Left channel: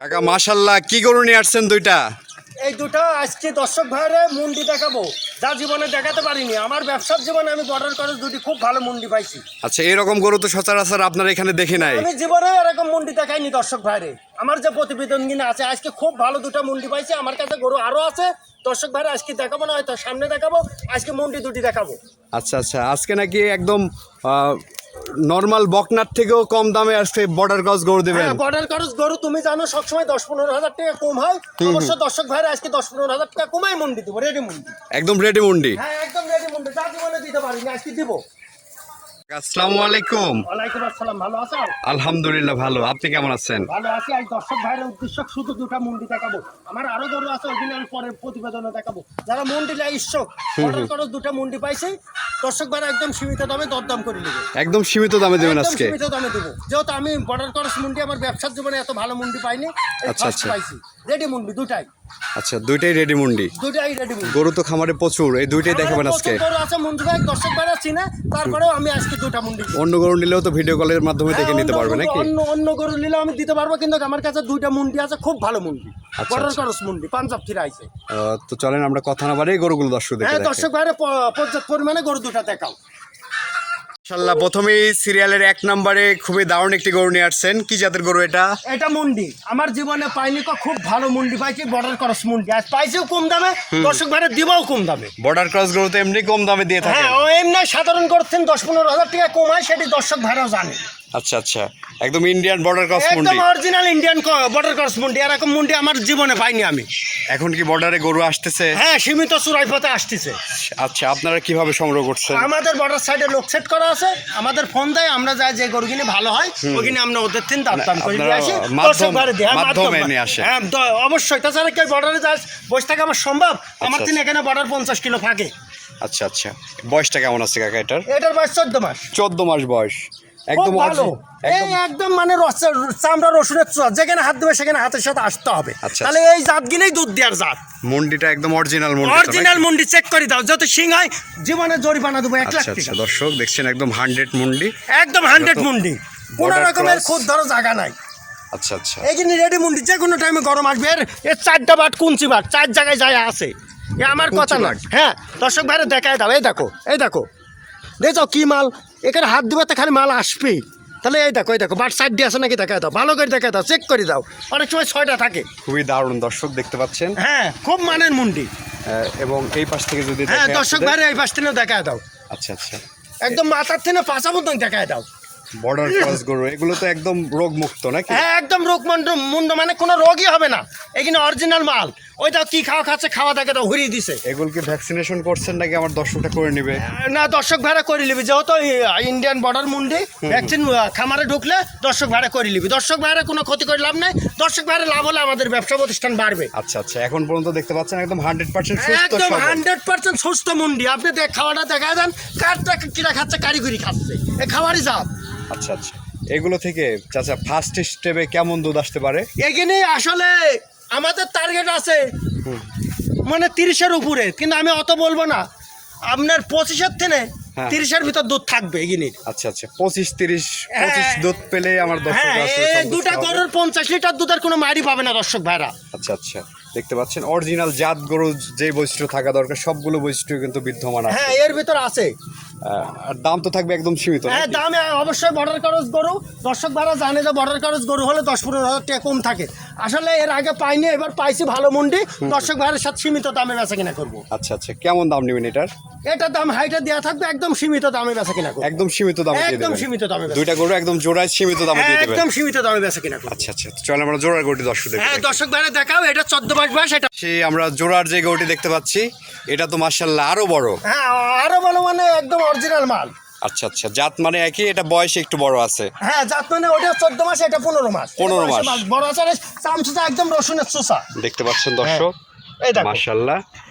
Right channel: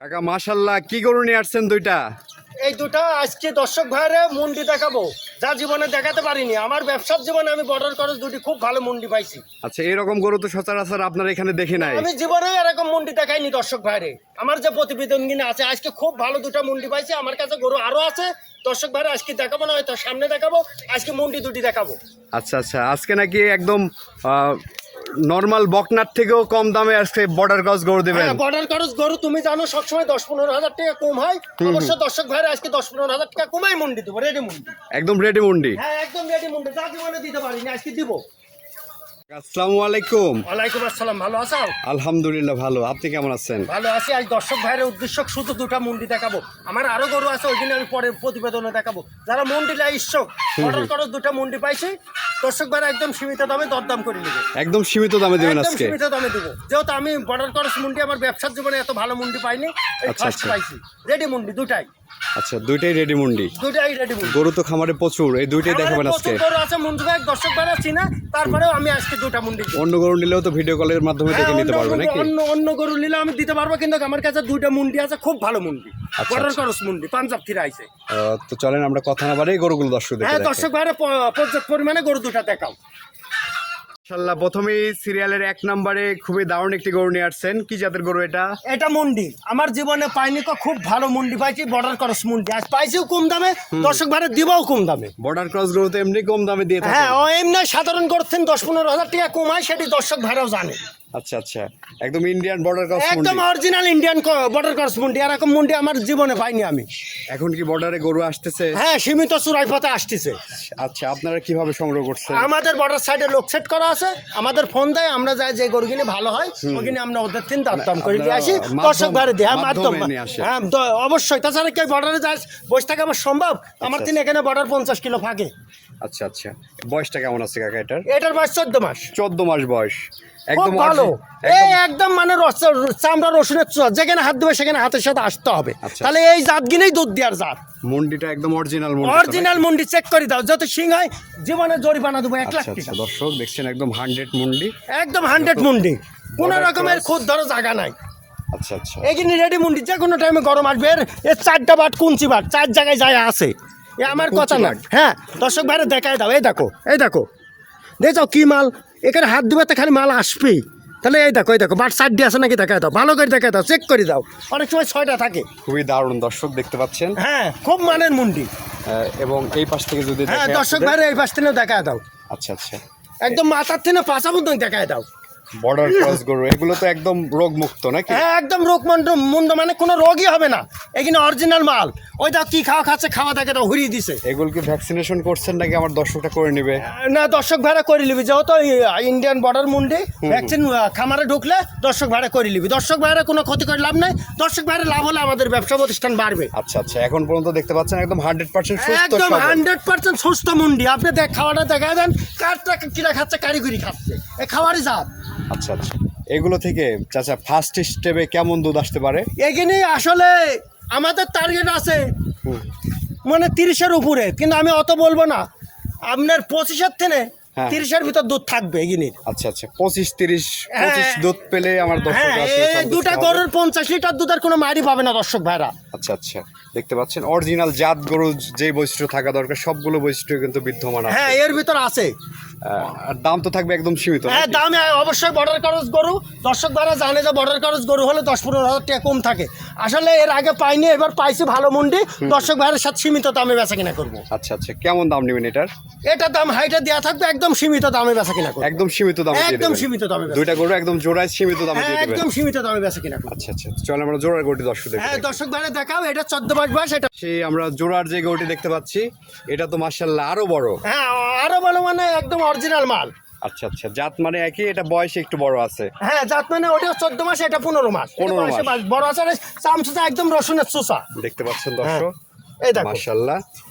কাকা মাশাল্লাহ কি গরু নিয়ে আসছেন দুইটা? এই দুটো আজকে দর্শক ভাইরে মুন্ডি দেখাবো। যা জীবনে দেখাতে পারিনি আমার ব্যবসার জীবনে আমি বর্ডার খরচ দুটি খুব ভালো মুন্ডি পাইছি। আচ্ছা এরকম গরু তো সচরাচর আপনার এখানে দেখি নাই। আমি জীবনে এরকম মুন্ডি দেখাইনি দর্শক ভাইরে। আমার যে প্রতিবেদন কিনে আছে আজকে খুব ভালো দুটো মুন্ডি পাইছি আমার কাছে গরু আরও আছে। দর্শক ভাইরে আজকে দেখাবো না হয়তো সামনে দেখাবো আজকে মুন্ডি দুটি দেখাবো। আচ্ছা আচ্ছা আজকে নাকি একদম নর্মাল বকনার থেকেও কম দামে আসছে বর্ডার ক্রস গরু দেবেন। বর্ডার ক্রস গরু তুমি জানো সবসময় দশ পনেরো হাজার টাকা কম হয় অবশ্য দর্শক ভাইরা আজকে দশ পনেরো হাজার টাকা কমাই মুন্ডি দেবো রেডি মুন্ডি। একদম রেডি মুন্ডি। হ্যাঁ একদম রেডি মুন্ডি যা জীবনে দিতে পারিনি আজকে দিব। আসসালামু আলাইকুম। ওয়ালাইকুম আসসালাম ভালো আছো? আলহামদুলিল্লাহ ভালো। আপনি কেমন আছেন? ভালো আছি। আজ দর্শক ভাইয়ের উদ্দেশ্য শুধু দুটা মুন্ডি দেখাবো। আমার আরও গরু আছে ওইখানে আমি পরে প্রতিবেদনে দেখাবো। যারা মুন্ডি লাই ইচ্ছুক অর্ডার করো দুটা মুন্ডি পাইছি। দর্শক ভাইরা একদম সীমিত দামে দরদাম করে নেবে। একদম সীমিত দামে দেবেন আজকে। সীমিত দামে দেবো। যেহেতু আমি বর্ডার করস মুন্ডি আমার ব্যবসার জীবনে এত ভালো মুন্ডি পাইনি আচ্ছা, আচ্ছা। পাইছি। রেডি মুন্ডি দুটাই। আচ্ছা দুইটাই রেডি মুন্ডি? দুটাই রেডি মুন্ডি। গরু তো খামারে প্রচুর এই দুইটাই দেখাবেন আজকে। গরু আছে মুন্ডি ভাই দর্শক ভাইরা চিনে তারপরেও আমি আজকে দুটা মুন্ডি অন্য গরু নিলেও তো ভিডিও কলের মাধ্যমে দেখে হ্যাঁ, নিতে পারবে নাকি? অন্য অন্য গরু নিলে আমি দিতে পারব কিন্তু আমার কাছে দুইটা মুন্ডি আছে খুব ভালো মুন্ডি। আচ্ছা, বর্ডার আচ্ছা। মুন্ডি পাঞ্জাব থেকে আইছে। তো চলেন আমরা কথা না বাড়ি গরুগুলো দর্শক দেখে। হ্যাঁ দর্শক ভাইরা প- পর্যাপ্ত পরিমাণে গরু দুটা দেখাও। ইনশাল্লাহ প্রথমেই সিরিয়ালের এক নম্বরে খুবই দারুণ একটি গরু নিয়ে আসছেন। কি জাতের গরু এটা? এটা মুন্ডি। আমার জীবনে পাইনি তো খুব ভালো মুন্ডি পাইছি বর্ডার ক্রস মুন্ডি। আজ পাইছিও কম দামে দর্শক ভাইরা দিবাও কম দামে। বর্ডার ক্রস গরু তো এমনি কম দামে দিয়ে থাকে। হ্যাঁ ও এমনি সাধারণ করছেন দশ পনেরো হাজার টাকা কম হয় সেটি দর্শক ভাইরাও জানে। আচ্ছা আচ্ছা। একদম ইন্ডিয়ান বর্ডার ক্রস মুন্ডি। একদম অরিজিনাল ইন্ডিয়ান বর্ডার করস মুন্ডি। এরকম মুন্ডি আমার জীবনে পাইনি আমি। এখন কি বর্ডারে গরু আসতেছে? হ্যাঁ সীমিত চুরাই পথে আসতেছে। আচ্ছা আপনারা কীভাবে সংগ্রহ করছেন? আমাদের বর্ডার সাইডে লোক সেট করা আছে। আমাদের ফোন দেয় আমরা যাই যে গরু কিনে ভালো হয় ওইখানে আমরা ওদের তিন দাম দাম করে দিয়ে আসি। মাধ্যম- হ্যাঁ, মাধ্যমে নিয়ে আসেন। হ্যাঁ অবশ্যই। তাছাড়া কেউ বর্ডারে যাস বসে থাকা আমার সম্ভব। আমার আচ্ছা, তিন এখানে বর্ডার পঞ্চাশ কিলো ফাঁকে আচ্ছা আচ্ছা। বয়সটা কেমন আছে কাকা এটার? এটার বয়স চোদ্দ মাস। চোদ্দ মাস বয়স। একদম ভালো। এই একদম মানে রস- চামড়া রসুনের চোয়া যেখানে হাত দেবে সেখানে হাতের সাথে আসতে হবে। আচ্ছা, তাহলে এই জাত গিনেই দুধ দেওয়ার জাত। মুন্ডিটা একদম অরিজিনাল মুন্ডি অরিজিনাল? মুন্ডি চেক করে দাও যত সিং হয় জীবনে জরিমানা দেবো এক লাখ আচ্ছা আচ্ছা টাকা। দর্শক দেখছেন একদম হান্ড্রেড মুন্ডি। একদম হান্ড্রেড মুন্ডি। কোনো রকমের। খুদ ধরো জায়গা নাই। আচ্ছা আচ্ছা। এখানে রেডি মুন্ডি যে কোনো টাইমে গরম আসবে। এর এর চারটা বাট কুঞ্চি বাট চার জায়গায় যায় আছে। এ আমার কথা না। হ্যাঁ দর্শক ভাইরে দেখায় দাও এই দেখো এই দেখো। দেখো কি মাল এখানে হাত দিবে তো খালি মাল আসবেই তাহলে এই দেখো এই দেখো বাট চারটি আছে নাকি? দেখায় দাও ভালো করে দেখায় দাও চেক করে দাও। অনেক সময় ছয়টা থাকে। খুবই দারুণ দর্শক দেখতে পাচ্ছেন। হ্যাঁ খুব মানের মুন্ডি। আহ, এবং এই পাশ থেকে যদি হ্যাঁ দর্শক ভাইরে এই পাশ থেকেও দেখায় দাও। আচ্ছা আচ্ছা। একদম মাথার থেকে পাঁচা পর্যন্ত দেখায় দাও। বর্ডার ক্রস গরু এগুলো তো একদম রোগ মুক্ত নাকি? হ্যাঁ একদম রোগ মুন্ড মানে কোনো রোগই হবে না। এখানে অরিজিনাল মাল। ওইটা কি খাওয়া খাচ্ছে খাওয়া দেখে তো হুরিয়ে দিছে। এগুলো কি ভ্যাকসিনেশন করছেন নাকি আমার দর্শকটা করে নিবে? না দর্শক ভাড়া করে নিবি যেহেতু ইন্ডিয়ান বর্ডার মুন্ডি ভ্যাকসিন খামারে ঢুকলে দর্শক ভাড়া করে নিবি। দর্শক ভাড়া কোনো ক্ষতি করে লাভ নাই দর্শক ভাড়া লাভ হলে আমাদের ব্যবসা প্রতিষ্ঠান বাড়বে। আচ্ছা আচ্ছা এখন পর্যন্ত দেখতে পাচ্ছেন একদম হান্ড্রেড পার্সেন্ট সুস্থ একদম হান্ড্রেড পার্সেন্ট সুস্থ মুন্ডি। আপনি দেখ খাওয়াটা দেখা দেন কারটা কিরা খাচ্ছে কারিগরি খাচ্ছে। এ খাওয়ারই জাত। আচ্ছা আচ্ছা। এগুলো থেকে চাচা ফার্স্ট স্টেপে কেমন দুধ আসতে পারে? এখানে আসলে আমাদের টার্গেট আছে মানে তিরিশের উপরে কিন্তু আমি অত বলব না। আপনার পঁচিশের থেকে হ্যাঁ। তিরিশের ভিতর দুধ থাকবে এগিনির আচ্ছা আচ্ছা পঁচিশ তিরিশ পঁচিশ হ্যাঁ। দুধ পেলে আমার দর্শক হ্যাঁ দুটা গরুর পঞ্চাশ লিটার দুধের কোনো মারি পাবে না দর্শক ভাইরা। আচ্ছা আচ্ছা দেখতে পাচ্ছেন অরিজিনাল জাত গরু যে বৈশিষ্ট্য থাকা দরকার সবগুলো বৈশিষ্ট্য কিন্তু বিদ্যমান আছে। হ্যাঁ এর ভিতর আছে। আর দাম তো থাকবে একদম সীমিত হ্যাঁ? দামে অবশ্যই বর্ডার খরচ গরু। দর্শক ভাইরা জানে যে বর্ডার খরচ গরু হলে দশ পনেরো হাজার টাকা কম থাকে। আসলে এর আগে পাইনি এবার পাইছি ভালো মন্ডি। দর্শক ভাইয়ের সাথে সীমিত দামে বেচা কিনা করব। আচ্ছা আচ্ছা কেমন দাম নেবেন এটার? এটা দাম হাইটা দেওয়া থাকবে একদম সীমিত দামে বেচা কিনা করব। একদম সীমিত দামে একদম সীমিত দামে দুইটা গরু একদম জোড়ায় সীমিত দামে দিয়ে দেবেন। একদম সীমিত দামে বেচা কিনা আচ্ছা আচ্ছা চল আমরা জোড়ার গরুটি দর্শক দেখি হ্যাঁ দর্শক ভাইরা দেখাও এটা চোদ্দ মাস বয়স এটা সেই আমরা জোড়ার যে গরুটি দেখতে পাচ্ছি এটা তো মার্শাল্লাহ আরও বড়। হ্যাঁ আরও ভালো মানে একদম অরিজিনাল মাল। আচ্ছা আচ্ছা। জাত মানে একই এটা বয়স একটু বড় আছে। হ্যাঁ জাত মানে ওটা চোদ্দ মাস এটা পনেরো মাস। 15 মাস। বড় আছে চামচুটা একদম রসুনের চুষা। দেখতে পাচ্ছেন দর্শক? এই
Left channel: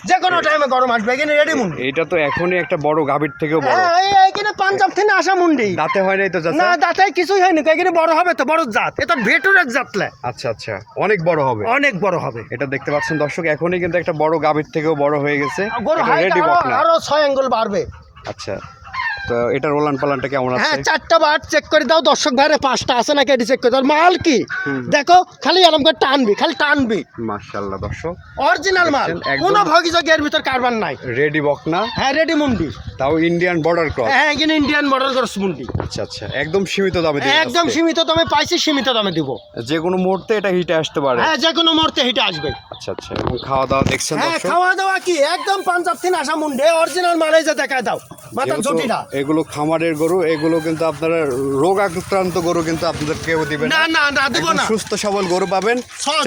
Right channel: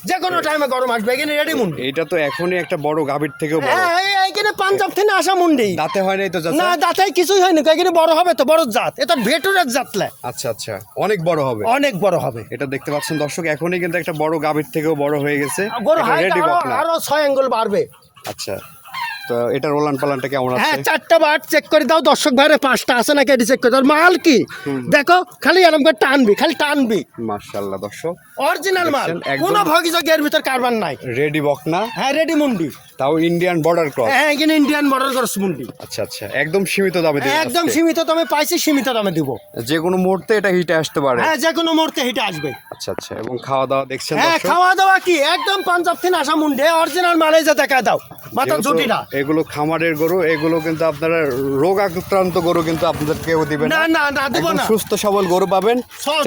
যে কোনো টাইমে গরম আসবে এখানে রেডি মুন্ডি। এটা তো এখনই একটা বড় গাভীর থেকেও বড়। হ্যাঁ পাঞ্জাব থেকে আসা মুন্ডি। দাঁতে হয় নাই তো না কিছুই হয়নি। এখানে বড় হবে তো বড় জাত। এটা ভেটুরের জাতলে। আচ্ছা আচ্ছা। অনেক বড় হবে। অনেক বড় হবে। এটা দেখতে পাচ্ছেন দর্শক এখনই কিন্তু একটা বড় গাভীর থেকেও বড় হয়ে গেছে। রেডি আরও বকনা। আরও ছয় আঙ্গুল বাড়বে। আচ্ছা। তো এটা ওলান পালানটা কেমন আছে? হ্যাঁ চারটা বার চেক করে দাও দর্শক ভাইরে পাঁচটা আছে নাকি এটি চেক করে দাও। মাল কি? দেখো খালি এরকম করে টানবি খালি টানবি। মার্শাল্লাহ দর্শক। অরিজিনাল মাল। কোনো ভগিযোগ এর ভিতর কারবার নাই। রেডি বকনা। হ্যাঁ রেডি মুন্ডি। তাও ইন্ডিয়ান বর্ডার ক্রস হ্যাঁ এখানে ইন্ডিয়ান মডেল ক্রস মুন্ডি। আচ্ছা আচ্ছা একদম সীমিত দামে দিবেন একদম সীমিত দামে পাইছি সীমিত দামে দিব। যে কোনো মুহূর্তে এটা হিটে আসতে পারে। হ্যাঁ যে কোনো মুহূর্তে হেঁটে আসবে। আচ্ছা আচ্ছা এবং খাওয়া দাওয়া দেখছেন দর্শক হ্যাঁ খাওয়া দাওয়া কি? একদম পাঞ্জাব থেকে আসা মুন্ডে অরিজিনাল মালে যে দেখা দাও। এগুলো খামারের গরু এগুলো কিন্তু আপনারা রোগ আক্রান্ত গরু কিন্তু আপনাদের কেউ দিবেন সুস্থ সবল গরু পাবেন।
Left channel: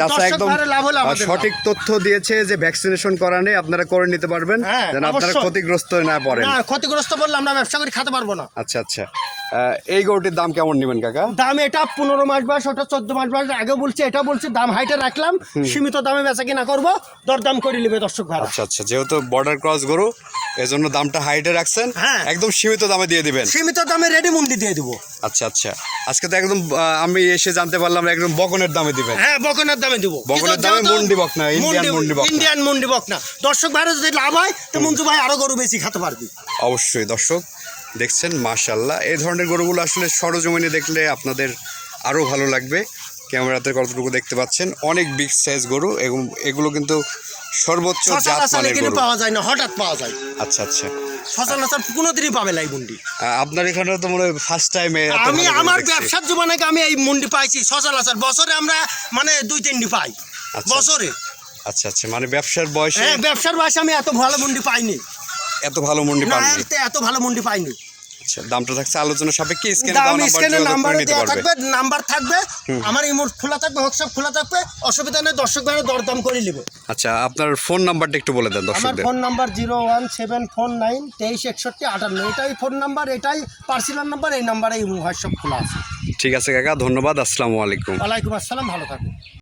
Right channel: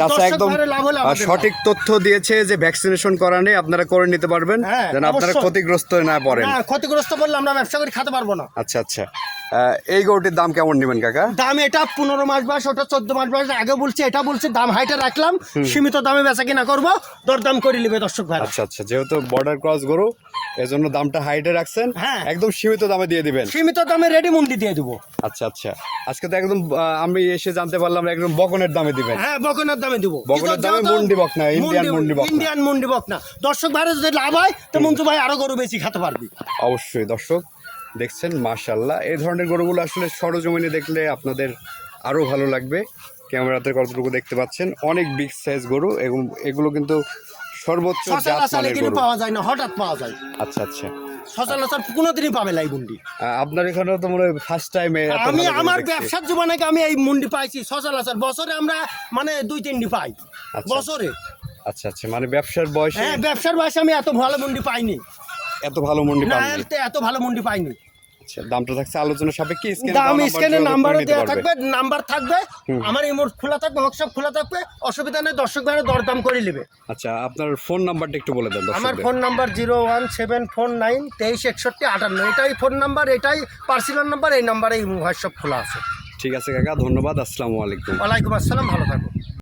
চাষা একদম সঠিক তথ্য দিয়েছে যে ভ্যাকসিনেশন করা নেই আপনারা করে নিতে পারবেন। হ্যাঁ, যেন আপনারা ক্ষতিগ্রস্ত না পড়েন। ক্ষতিগ্রস্ত বললে আমরা ব্যবসা করে খেতে পারব না। আচ্ছা আচ্ছা। এই গরুটির দাম কেমন নেবেন কাকা? দাম এটা পনেরো মাস বয়স ওটা চোদ্দ মাস বয়স। আগে বলছি এটা বলছি দাম হাইটে রাখলাম। সীমিত দামে বেচা কিনা করব দরদাম করে নেবে দর্শক ভাই আচ্ছা আচ্ছা যেহেতু বর্ডার ক্রস গরু এজন্য দামটা হাইটে রাখছেন। হ্যাঁ। একদম সীমিত দামে দিয়ে দিবেন। সীমিত দামে রেডি মুন্ডি দিয়ে দিব। আচ্ছা আচ্ছা আজকে তো একদম আমি এসে জানতে পারলাম একদম বকনের দামে দিবেন। হ্যাঁ বকনের দামে দিব। বকনের দামে মুন্ডি বকনা, ইন্ডিয়ান মুন্ডি বকনা। ইন্ডিয়ান মুন্ডি বকনা। দর্শক ভাইয়ের যদি লাভ হয় তো মঞ্জু ভাই আরও গরু বেশি খেতে পারবে। অবশ্যই দর্শক। দেখছেন মাশাল্লাহ এই ধরনের গরুগুলো আসলে সরজমিনে দেখলে আপনাদের আরও ভালো লাগবে। ক্যামেরাতে কতটুকু দেখতে পাচ্ছেন অনেক বিগ সাইজ গরু এবং এগুলো কিন্তু সর্বোচ্চ জাত মানের গরু। পাওয়া যায় না হঠাৎ পাওয়া যায়। আচ্ছা আচ্ছা। সচরাচর কোনোদিনই পাবে লাই মুন্ডি। আহ, আপনার এখানে তো মনে হয় ফার্স্ট টাইমে আমি আমার ব্যবসার জীবনে আমি এই মুন্ডি পাইছি সচরাচর। বছরে আমরা মানে দুই তিনটি পাই। আচ্ছা। বছরে। আচ্ছা আচ্ছা। মানে ব্যবসার বয়সে হ্যাঁ ব্যবসার বয়সে আমি এত ভালো মুন্ডি পাইনি। এত ভালো মন্ডি না পাননি। এতে এত ভালো মুন্ডি পাইনি। আচ্ছা দামটা থাকছে আলোচনা সাপেক্ষে স্ক্যানে দাম নাম্বার স্ক্যানে নাম্বার নিতে দেওয়া পারবে। থাকবে নাম্বার থাকবে আমার এই মোট খোলা থাকবে হোয়াটসঅ্যাপ খোলা থাকবে অসুবিধা নেই দর্শক ভাইরা দরদাম করে নেবে। আচ্ছা আপনার ফোন নাম্বারটা একটু বলে দেন আমার দর্শকদের। Phone number zero one seven four nine তেইশ একষট্টি আটান্ন এটাই ফোন নাম্বার এটাই পার্সোনাল নাম্বার এই নাম্বারে হোয়াটসঅ্যাপ খোলা আছে। ঠিক আছে কাকা ধন্যবাদ আসসালামু আলাইকুম। ওয়ালাইকুম আসসালাম ভালো থাকুন।